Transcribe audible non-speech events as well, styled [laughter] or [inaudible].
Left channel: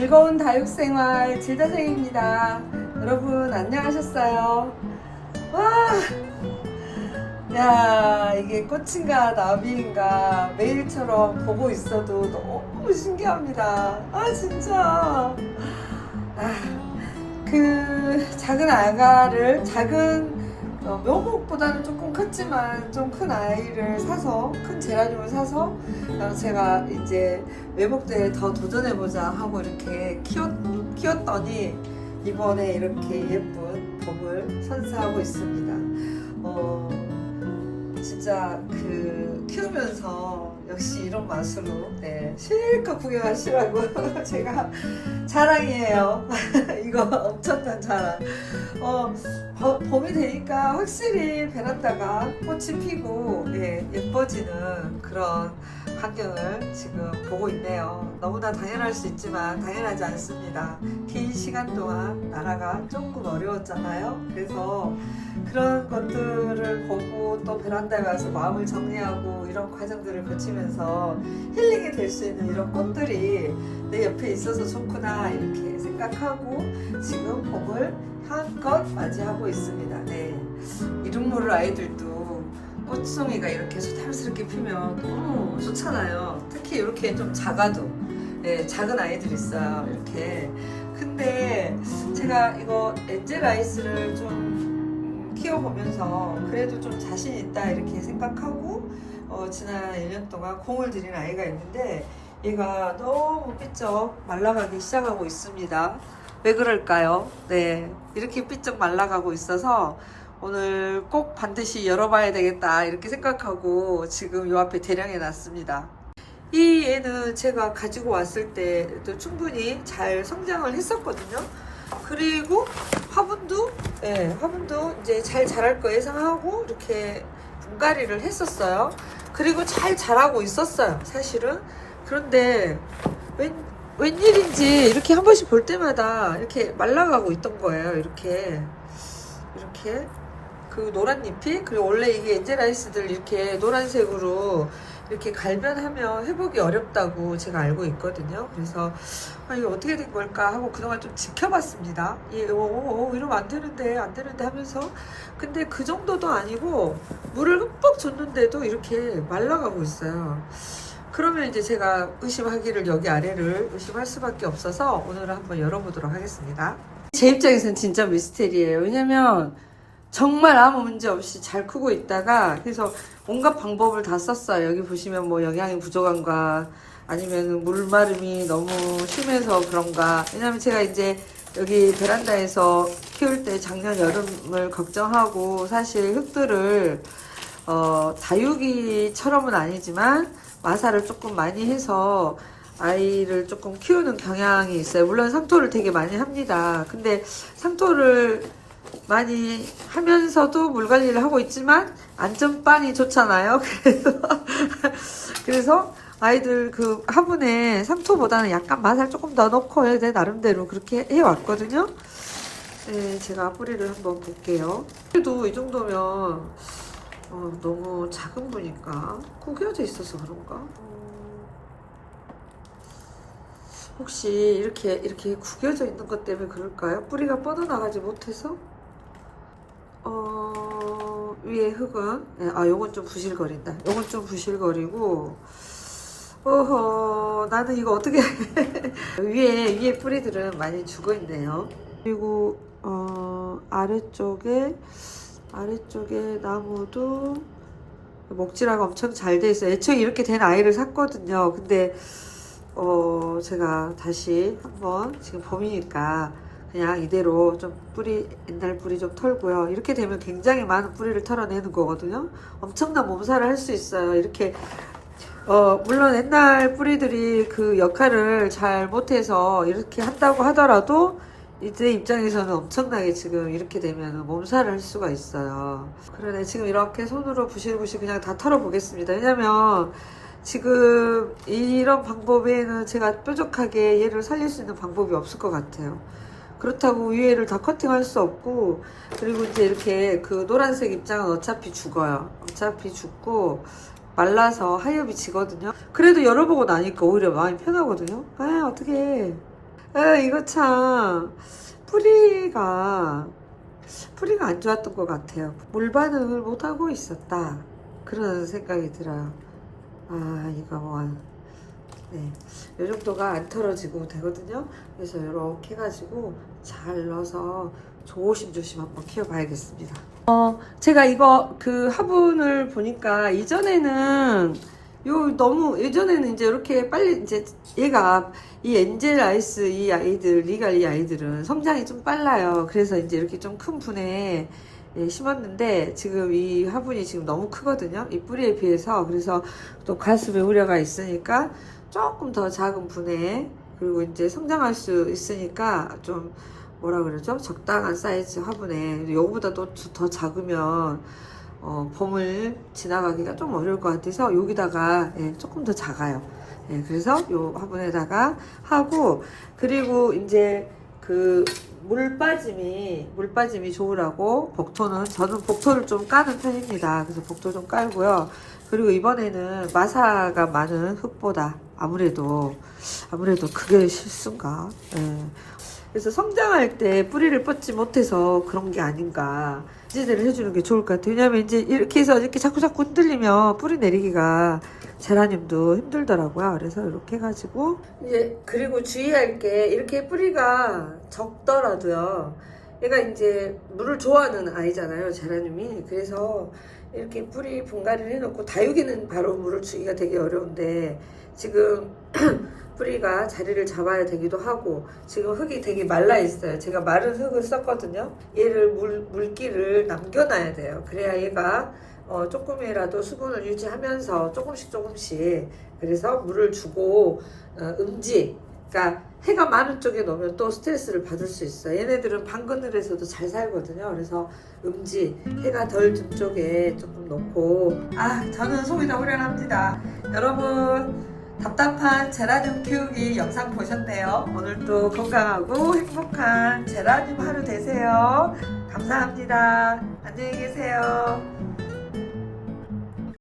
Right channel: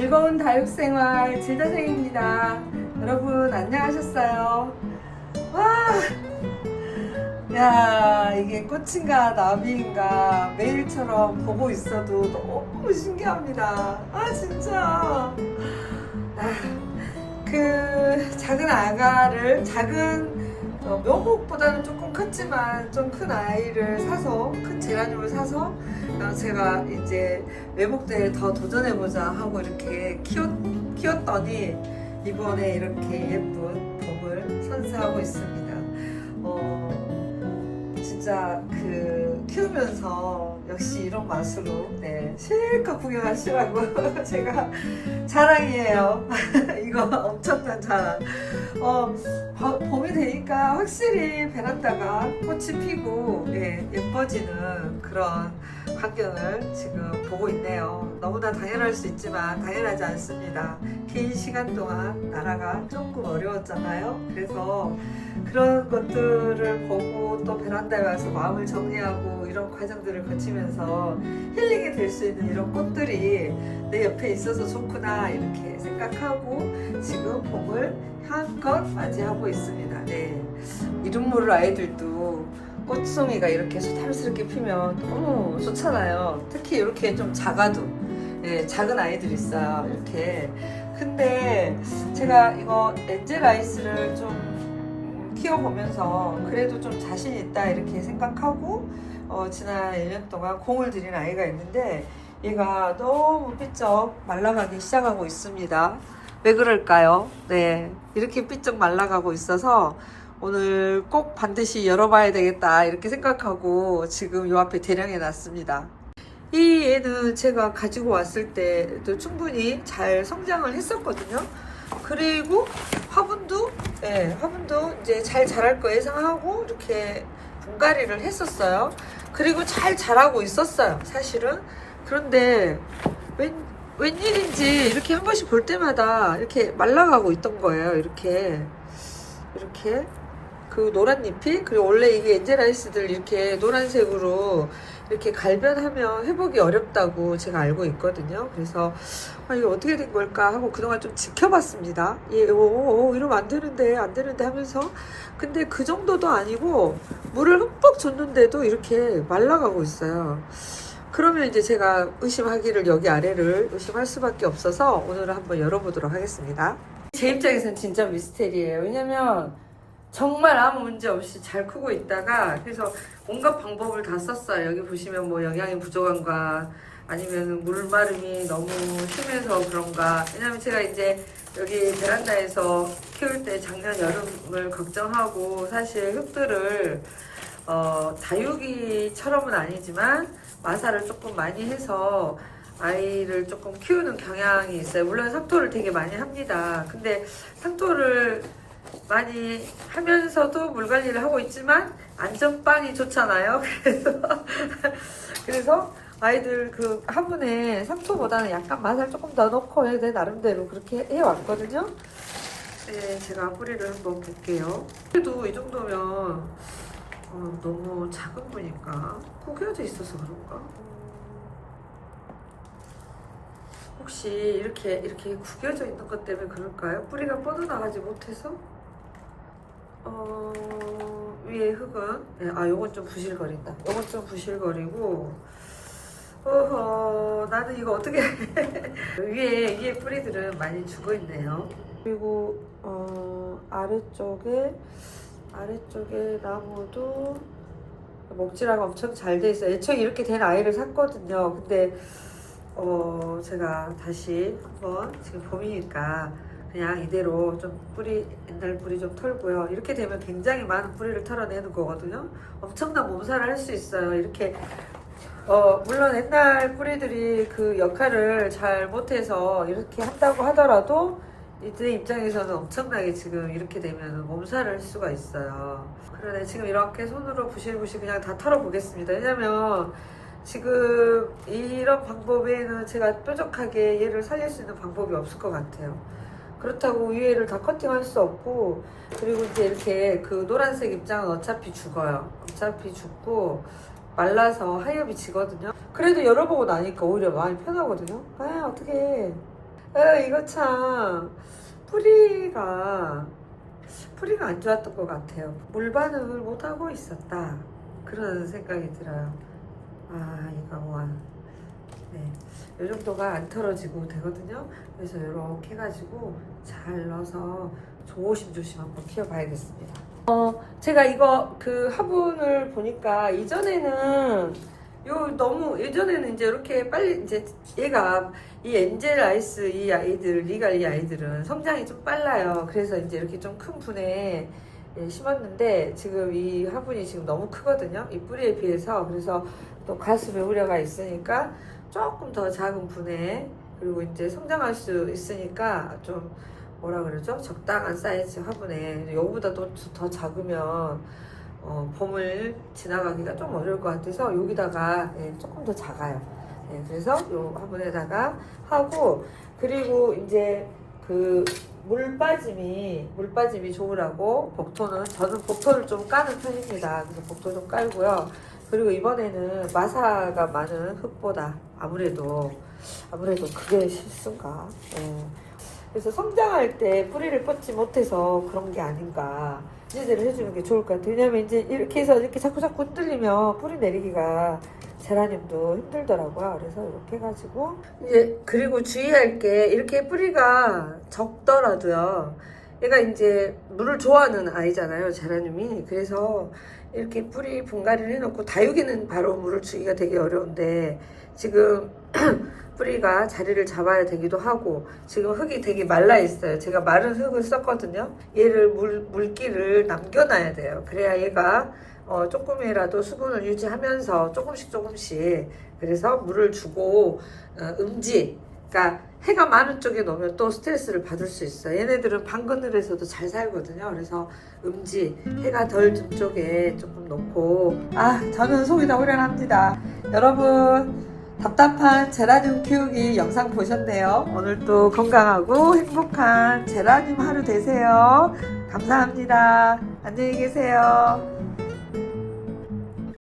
즐거운 다육생활 질다생입니다. 여러분 안녕하셨어요? 와, 야 이게 꽃인가 나비인가 매일처럼 보고 있어도 너무 신기합니다. 아 진짜. 아, 그 작은 아가를 작은 어, 묘목보다는 조금 컸지만 좀 큰 아이를 사서 큰 제라늄을 사서 어, 제가 이제 외목대에 더 도전해보자 하고 이렇게 키웠, 키웠더니 이번에 이렇게 예쁜 봄을 선사하고 있습니다. 어, 진짜 그 키우면서 역시 이런 맛으로 네, 실컷 구경하시라고 [laughs] 제가 자랑이에요. [laughs] 이거 엄청난 자랑. 어, 버- 봄이 되니까 확실히 베란다가 꽃이 피고 예, 예뻐지는 그런 환경을 지금 보고 있네요. 너무나 당연할 수 있지만 당연하지 않습니다. 긴 시간 동안 나라가 조금 어려웠잖아요. 그래서 그런 것들을 보고 또 베란다에 와서 마음을 정리하고 이런 과정들을 거치면 서 힐링이 될 수 있는 이런 꽃들이 내 옆에 있어서 좋구나 이렇게 생각하고 지금 봄을 한껏 맞이하고 있습니다. 네. 이름 모를 아이들도 꽃송이가 이렇게 소탈스럽게 피면 너무 좋잖아요. 특히 이렇게 좀 작아도 네, 작은 아이들 있어요. 이렇게. 근데 제가 이거 엔젤 아이스를 좀 음, 키워보면서 그래도 좀 자신 있다 이렇게 생각하고 어, 지난 1년 동안 공을 들인 아이가 있는데 얘가 너무 삐쩍 말라가기 시작하고 있습니다. 왜 그럴까요? 네. 이렇게 삐쩍 말라가고 있어서 오늘 꼭 반드시 열어봐야 되겠다 이렇게 생각하고 지금 요 앞에 대량해 놨습니다. 이 애는 제가 가지고 왔을 때도 충분히 잘 성장을 했었거든요. 그리고 화분도, 네, 화분도 이제 잘 자랄 거 예상하고 이렇게 분갈이를 했었어요. 그리고 잘 자라고 있었어요, 사실은. 그런데 웬, 웬일인지 이렇게 한 번씩 볼 때마다 이렇게 말라가고 있던 거예요. 이렇게. 이렇게. 그 노란 잎이 그리고 원래 이게 엔젤아이스들 이렇게 노란색으로 이렇게 갈변하면 회복이 어렵다고 제가 알고 있거든요. 그래서 아, 이게 어떻게 된 걸까 하고 그동안 좀 지켜봤습니다. 예, 오, 오, 오, 이러면 안 되는데 안 되는데 하면서 근데 그 정도도 아니고 물을 흠뻑 줬는데도 이렇게 말라가고 있어요. 그러면 이제 제가 의심하기를 여기 아래를 의심할 수밖에 없어서 오늘은 한번 열어보도록 하겠습니다. 제 입장에서는 진짜 미스테리예요. 왜냐면 정말 아무 문제 없이 잘 크고 있다가 그래서 온갖 방법을 다 썼어요. 여기 보시면 뭐 영양이 부족한가 아니면 물마름이 너무 심해서 그런가. 왜냐면 제가 이제 여기 베란다에서 키울 때 작년 여름을 걱정하고 사실 흙들을 어, 다육이처럼은 아니지만 마사를 조금 많이 해서 아이를 조금 키우는 경향이 있어요. 물론 상토를 되게 많이 합니다. 근데 상토를 많이 하면서도 물 관리를 하고 있지만 안전빵이 좋잖아요. 그래서 [laughs] 그래서 아이들 그 화분에 상토보다는 약간 마살 조금 더 넣고 해야 돼 나름대로 그렇게 해왔거든요. 네, 제가 뿌리를 한번 볼게요. 그래도 이 정도면 어, 너무 작은 거니까 구겨져 있어서 그런가? 혹시 이렇게 이렇게 구겨져 있는 것 때문에 그럴까요? 뿌리가 뻗어나가지 못해서? 어, 위에 흙은 네, 아 요건 좀 부실거린다. 요건 좀 부실거리고 어허 나는 이거 어떻게 [laughs] 위에 위에 뿌리들은 많이 죽어 있네요. 그리고 어, 아래쪽에 아래쪽에 나무도 목질하고 엄청 잘 돼 있어요. 애초에 이렇게 된 아이를 샀거든요. 근데 어 제가 다시 한번 지금 봄이니까 그냥 이대로 좀 뿌리 옛날 뿌리 좀 털고요. 이렇게 되면 굉장히 많은 뿌리를 털어내는 거거든요. 엄청난 몸살을 할 수 있어요. 이렇게 어 물론 옛날 뿌리들이 그 역할을 잘 못해서 이렇게 한다고 하더라도 이제 입장에서는 엄청나게 지금 이렇게 되면 몸살을 할 수가 있어요. 그러네 지금 이렇게 손으로 부실부실 그냥 다 털어보겠습니다. 왜냐면 지금 이런 방법에는 제가 뾰족하게 얘를 살릴 수 있는 방법이 없을 것 같아요. 그렇다고 위에를 다 커팅할 수 없고 그리고 이제 이렇게 그 노란색 입장은 어차피 죽어요. 어차피 죽고 말라서 하엽이 지거든요. 그래도 열어보고 나니까 오히려 마음이 편하거든요. 아 어떻게 아, 이거 참 뿌리가 뿌리가 안 좋았던 것 같아요. 물반응을 못 하고 있었다. 그런 생각이 들어요. 아 이거 뭐 네, 이 정도가 안 털어지고 되거든요. 그래서 이렇게 해가지고 잘 넣어서 조심조심 한번 키워봐야겠습니다. 어, 제가 이거 그 화분을 보니까 이전에는 요 너무 예전에는 이제 이렇게 빨리 이제 얘가 이 엔젤 아이스 이 아이들 리갈 이 아이들은 성장이 좀 빨라요. 그래서 이제 이렇게 좀 큰 분에 예, 심었는데 지금 이 화분이 지금 너무 크거든요. 이 뿌리에 비해서 그래서 또 가슴에 우려가 있으니까 조금 더 작은 분에 그리고 이제 성장할 수 있으니까 좀 뭐라 그러죠? 적당한 사이즈 화분에 요보다 도 더 작으면 어, 봄을 지나가기가 좀 어려울 것 같아서 여기다가 예, 조금 더 작아요. 예, 그래서 요 화분에다가 하고 그리고 이제 그 물 빠짐이 물 빠짐이 좋으라고 복토는 저는 복토를 좀 까는 편입니다. 그래서 복토 좀 깔고요. 그리고 이번에는 마사가 많은 흙보다 아무래도 아무래도 그게 실수인가. 예. 그래서 성장할 때 뿌리를 뻗지 못해서 그런 게 아닌가 지지를 해주는 게 좋을 것 같아요. 왜냐면 이제 이렇게 해서 이렇게 자꾸 자꾸 흔들리면 뿌리 내리기가 제라늄도 힘들더라고요. 그래서 이렇게 해가지고 예 그리고 주의할 게 이렇게 뿌리가 적더라도요. 얘가 이제 물을 좋아하는 아이잖아요. 제라늄이 그래서 이렇게 뿌리 분갈이를 해놓고 다육이는 바로 물을 주기가 되게 어려운데 지금 [clears throat] 뿌리가 자리를 잡아야 되기도 하고 지금 흙이 되게 말라 있어요. 제가 마른 흙을 썼거든요. 얘를 물 물기를 남겨놔야 돼요. 그래야 얘가 어, 조금이라도 수분을 유지하면서 조금씩 조금씩 그래서 물을 주고 어, 음지 그러니까 해가 많은 쪽에 놓으면 또 스트레스를 받을 수 있어요. 얘네들은 방그늘에서도 잘 살거든요. 그래서 음지 해가 덜 든 쪽에 조금 놓고 아 저는 속이 다 후련합니다. 여러분 답답한 제라늄 키우기 영상 보셨네요. 오늘도 건강하고 행복한 제라늄 하루 되세요. 감사합니다. 안녕히 계세요.